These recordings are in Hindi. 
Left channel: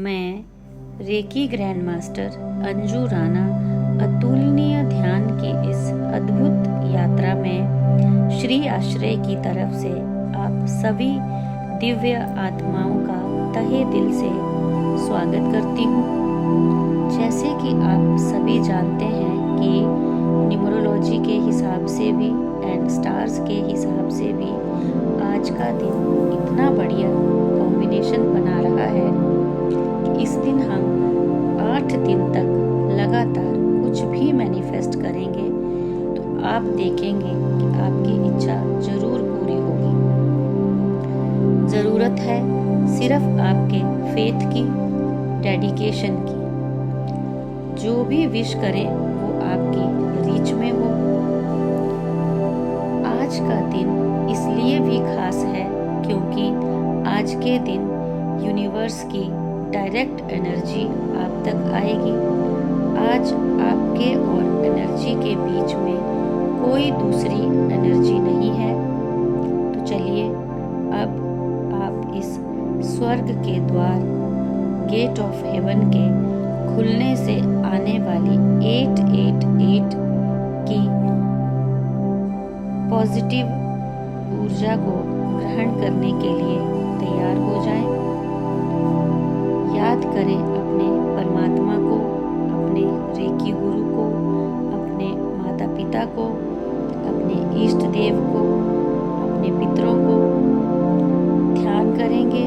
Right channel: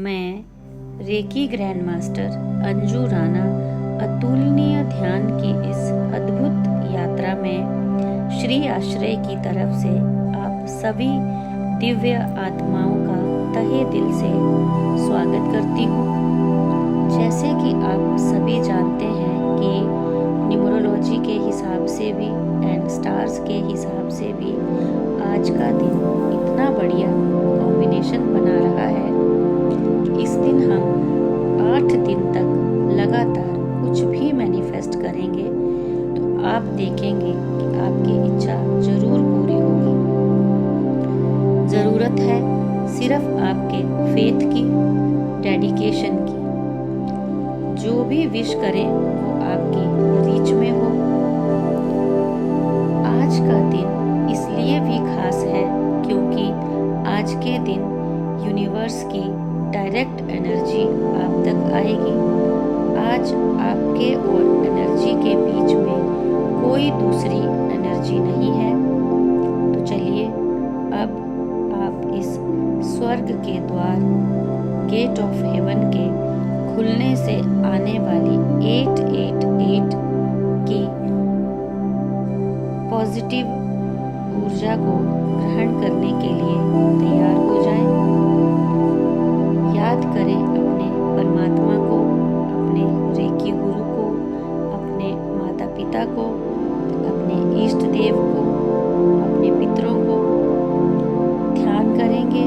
मैं reiki grand master Anju Rana अतुलनीय ध्यान की इस अद्भुत यात्रा में श्री आश्रय की तरफ से आप सभी दिव्य आत्माओं का तहे दिल से स्वागत करती हूँ। जैसे कि आप सभी जानते हैं कि न्यूमरोलॉजी के हिसाब से भी एंड स्टार्स के हिसाब से भी आज का दिन इतना बढ़िया कॉम्बिनेशन बना रहा है कि इस दिन हम 8 दिन तक लगातार कुछ भी मैनिफेस्ट करेंगे तो आप देखेंगे कि आपकी इच्छा जरूर पूरी होगी। ज़रूरत है सिर्फ आपके फेथ की, डेडिकेशन की। जो भी विश करें वो आपकी रीच में हो। आज का दिन इसलिए भी खास है क्योंकि आज के दिन यूनिवर्स की डायरेक्ट एनर्जी आप तक आएगी। आज आपके और एनर्जी के बीच में कोई दूसरी एनर्जी नहीं है। तो चलिए अब आप इस स्वर्ग के द्वार, गेट ऑफ हेवन के खुलने से आने वाली 888 की पॉजिटिव ऊर्जा को ग्रहण करने के लिए तैयार हो जाएं। याद करें अपने परमात्मा को, अपने रेकी गुरु को, अपने माता पिता को, अपने इष्ट देव को, अपने पितरों को ध्यान करेंगे,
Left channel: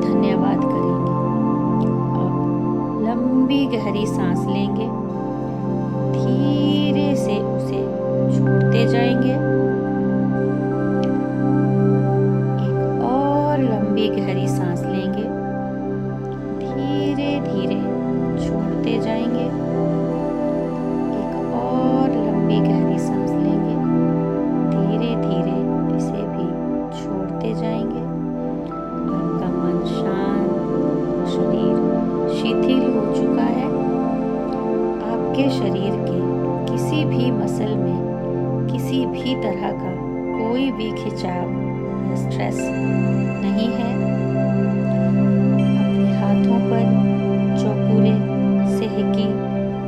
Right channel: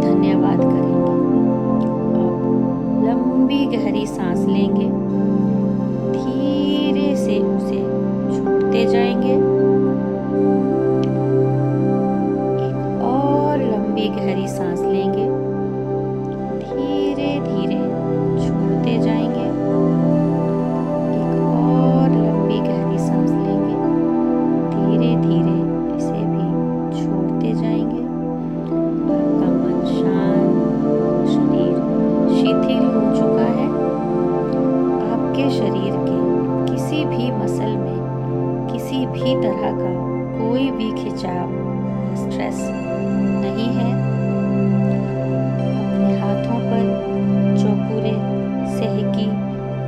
धन्यवाद करेंगे। अब लंबी गहरी सांस लेंगे, धीरे से उसे छोड़ते जाएंगे। एक और लंबी गहरी सांस लेंगे, धीरे धीरे छोड़ते जाएंगे। एक और लंबी गहरी सांस लेंगे, धीरे धीरे इसे भी छोड़ते जाएंगे। आपका मन शांत, शरीर शिथिल हो चुका है। आपके शरीर के किसी भी मसल में किसी भी तरह का कोई भी खिंचाव या स्ट्रेस नहीं है। अपने हाथों पर चौकुरे सेहकी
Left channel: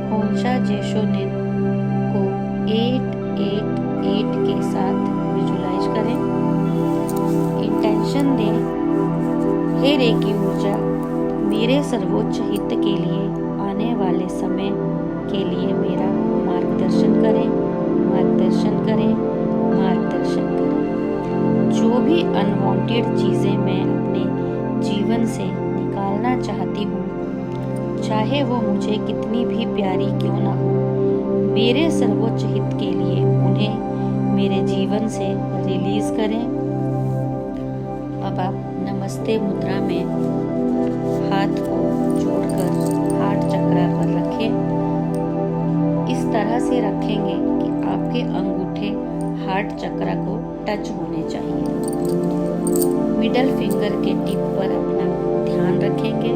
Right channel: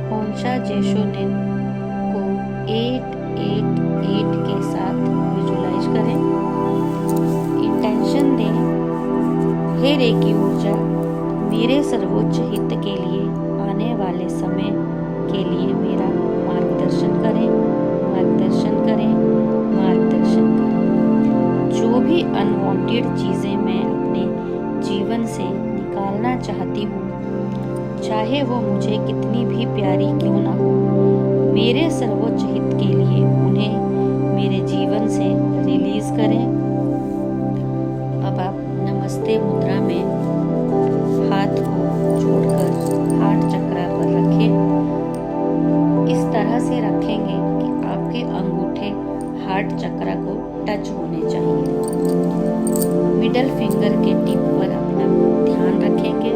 होंशा जेशोनिन को 888 के साथ विजुलाइज करें। इंटेंशन दें, हे रेकी ऊर्जा, मेरे सर्वोच्च हित के लिए आने वाले समय के लिए मेरा मार्गदर्शन करें, मार्गदर्शन करें, मार्गदर्शन करें। जो भी अनवांटेड चीज़ें मैं अपने जीवन से निकालना चाहती हूँ, चाहे वो मुझे कितनी भी प्यारी क्यों ना हो, मेरे सर्वोच्च हित के लिए उन्हें मेरे जीवन से रिलीज करें। अब आप नमस्ते मुद्रा में हाथ को जोड़कर हार्ट चक्रा पर रखें। इस तरह से रखेंगे कि आपके अंगूठे हार्ट चक्रा को टच होने चाहिए। मिडल फिंगर के टिप पर अपना ध्यान रखेंगे।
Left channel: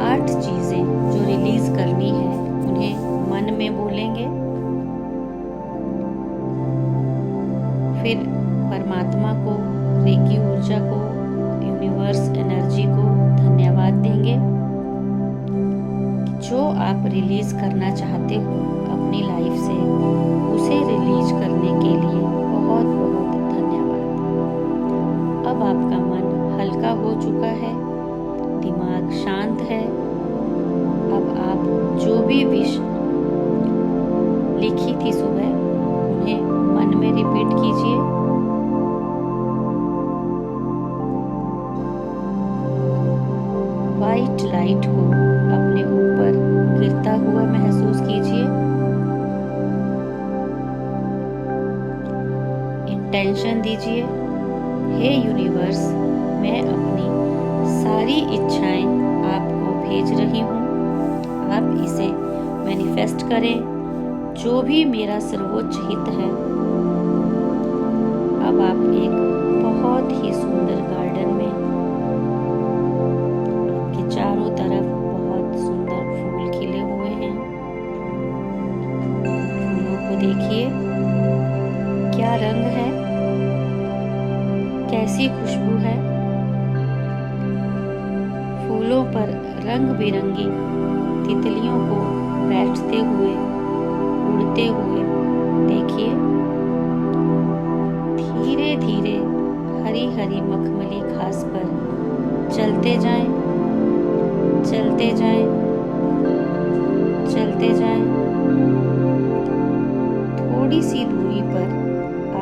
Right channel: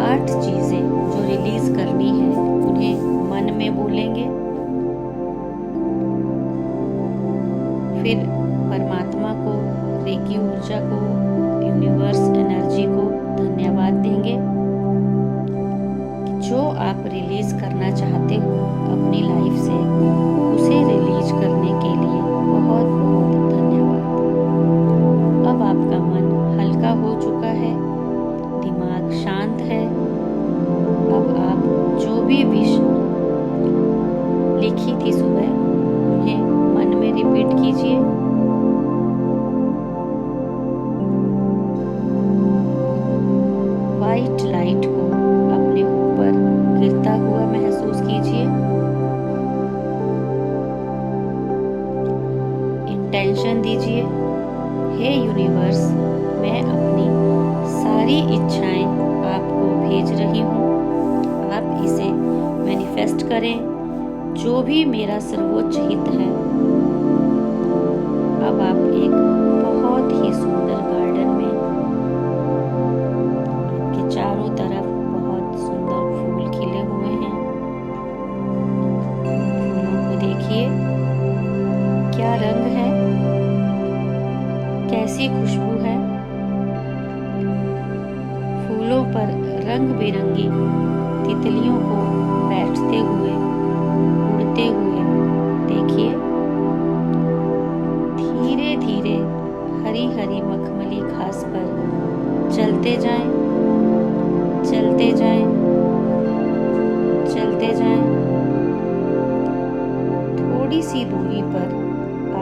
8 चीजें जो रिलीज करनी है उन्हें मन में बोलेंगे। फिर परमात्मा को, रेकी ऊर्जा को, यूनिवर्स एनर्जी को धन्यवाद देंगे कि जो आप रिलीज करना चाहते हो अपनी लाइफ से, उसे रिलीज करने के लिए बहुत बहुत धन्यवाद। अब आपका मन हल्का हो चुका है, दिमाग शांत है। अब आप जो भी विश लिखी थी सुबह उन्हें मन में रिपीट कीजिए। वाइट लाइट को अपने ऊपर गिरता हुआ महसूस कीजिए। इंटेंशन दीजिए, हे यूनिवर्स, मैं अपनी सारी इच्छाएं आपको भेज रही हूँ। आप इसे मैनिफेस्ट करें, जो भी मेरा सर्वोच्च हित है। अब आप एक बहुत ही सुंदर गार्डन में, आपके चारों तरफ बहुत सुंदर फूल खिले हुए हैं। फूलों को देखिए, क्या रंग है, कैसी खुशबू है। फूलों पर रंग बिरंगी तितलियों को बैठते हुए, उड़ते हुए देखिए। धीरे धीरे हरी हरी मखमली घास पर चलते जाएं, चलते जाएं, चलते जाएं। थोड़ी सी दूरी पर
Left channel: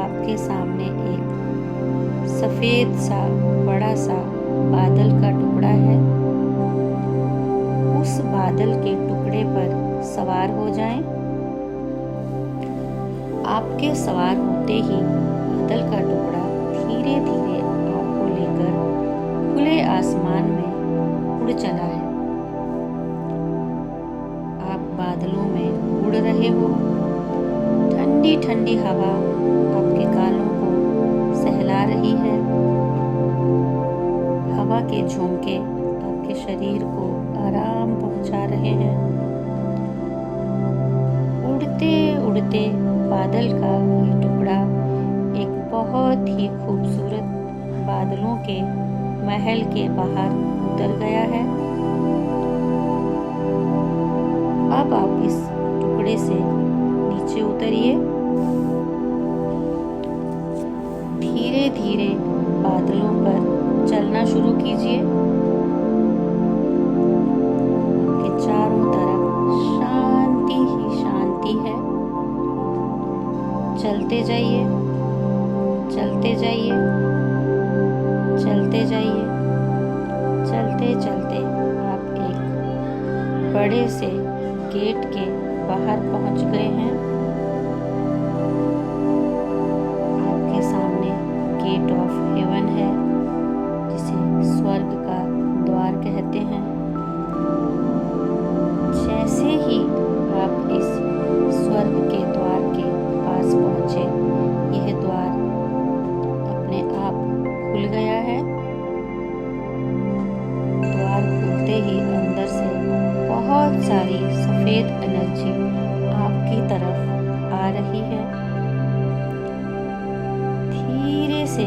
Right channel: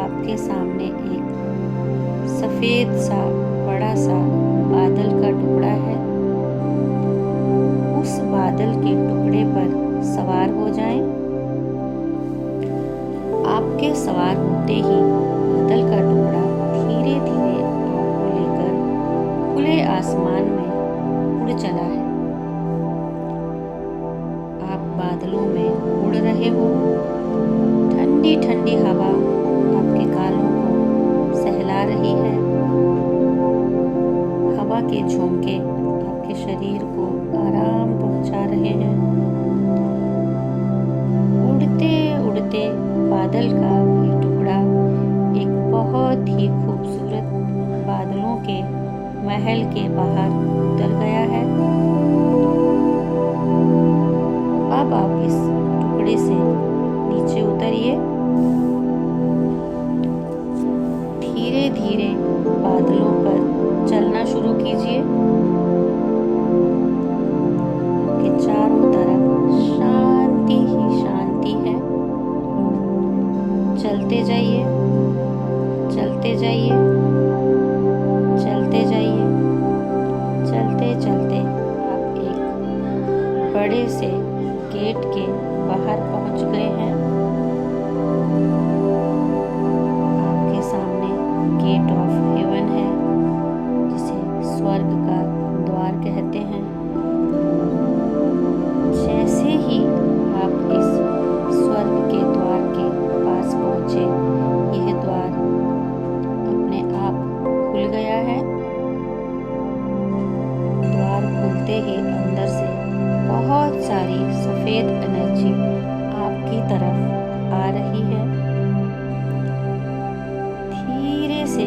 आपके सामने एक सफेद सा बड़ा सा बादल का टुकड़ा है। उस बादल के टुकड़े पर सवार हो जाएं। आपके सवार होते ही बादल का टुकड़ा धीरे धीरे आपको लेकर खुले आसमान में उड़ चला है। आप बादलों में उड़ रहे हो। ठंडी ठंडी हवा आपके गालों को सहला रही है। हवा के झोंके आपके शरीर को आराम पहुंचा रहे हैं। उड़ते उड़ते बादल का ये टुकड़ा एक बहुत ही खूबसूरत बादलों के महल के बाहर उतर गया है। अब आप इस टुकड़े से नीचे उतरिए। धीरे धीरे बादलों पर चलना शुरू कीजिए। आपके चारों तरफ शांति ही शांति है। चलते जाइए, चलते जाइए, चलते जाइए। चलते चलते आप एक बड़े से गेट के बाहर पहुंच गए हैं। आपके सामने गेट ऑफ हेवन है, जिसे स्वर्ग का द्वार कहते हैं। जैसे ही आप इस स्वर्ग के द्वार के पास पहुंचे, यह द्वार अपने आप खुल गया है। द्वार खुलते ही अंदर से बहुत सारी सफेद एनर्जी आपकी तरफ आ रही है। धीरे से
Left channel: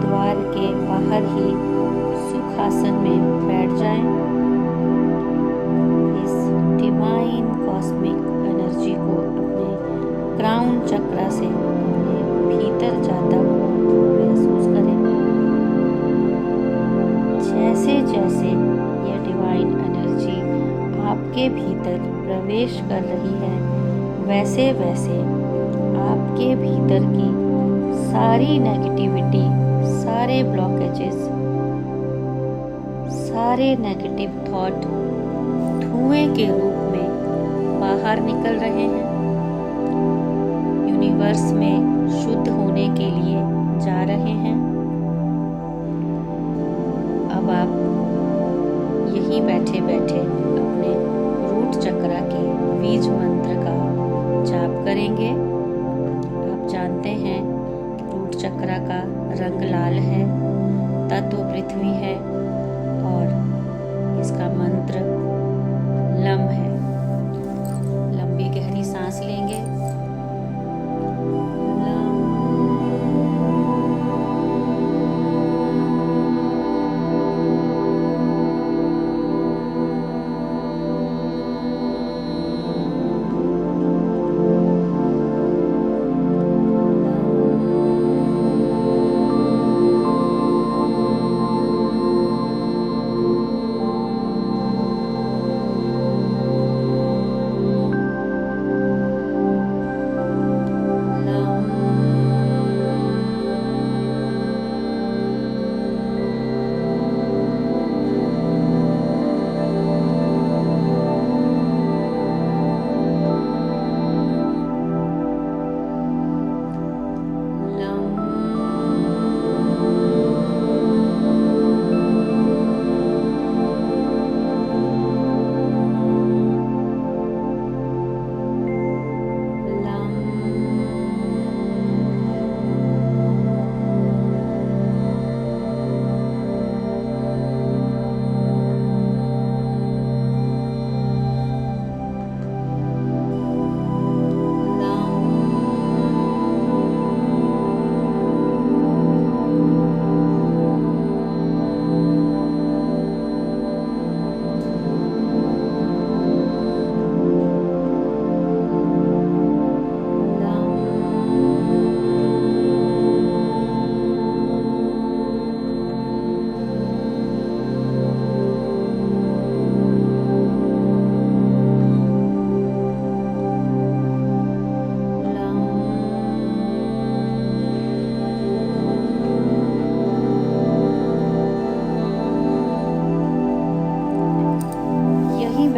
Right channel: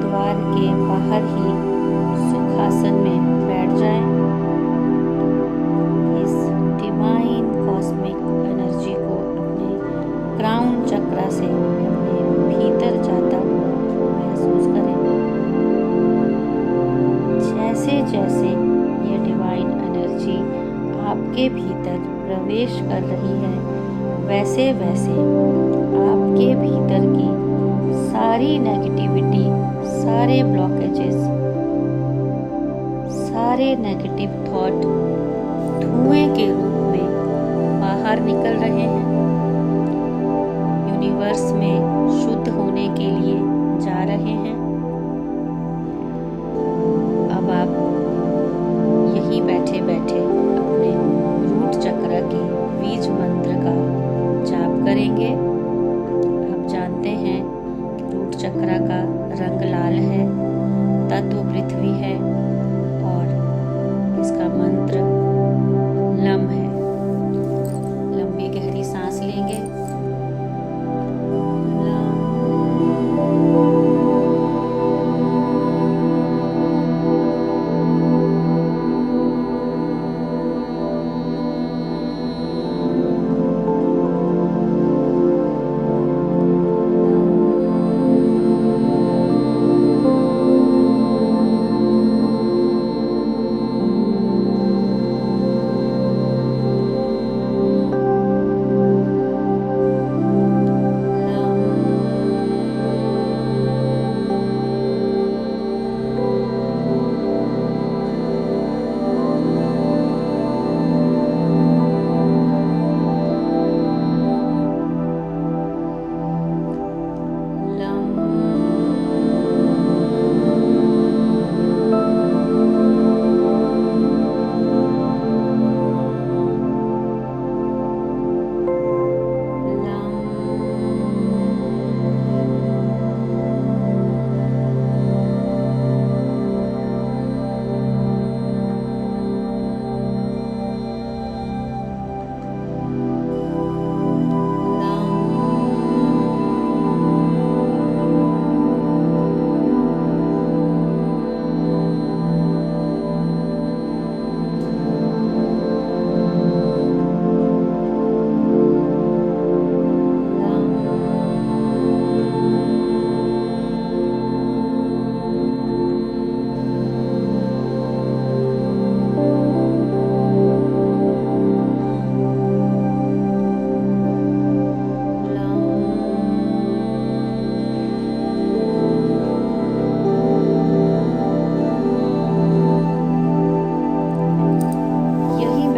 द्वार के बाहर ही सुखासन में बैठ जाएं। इस डिवाइन कॉस्मिक एनर्जी को अपने क्राउन चक्रा से अपने भीतर जाता हुआ महसूस करें। जैसे जैसे ये डिवाइन एनर्जी आपके भीतर प्रवेश कर रही है, वैसे वैसे आपके भीतर की सारी नेगेटिविटी, सारे ब्लॉकेजेस, सारे नेगेटिव थॉट धुएं के रूप में बाहर निकल रहे हैं। यूनिवर्स में शुद्ध होने के लिए जा रहे हैं। अब आप यहीं बैठे बैठे अपने रूट चक्र के बीज मंत्र का जाप करेंगे। आप जानते हैं रूट चक्र का रंग लाल है, तत्व पृथ्वी है और इसका मंत्र लम है। लंबी गहरी सांस लेंगे।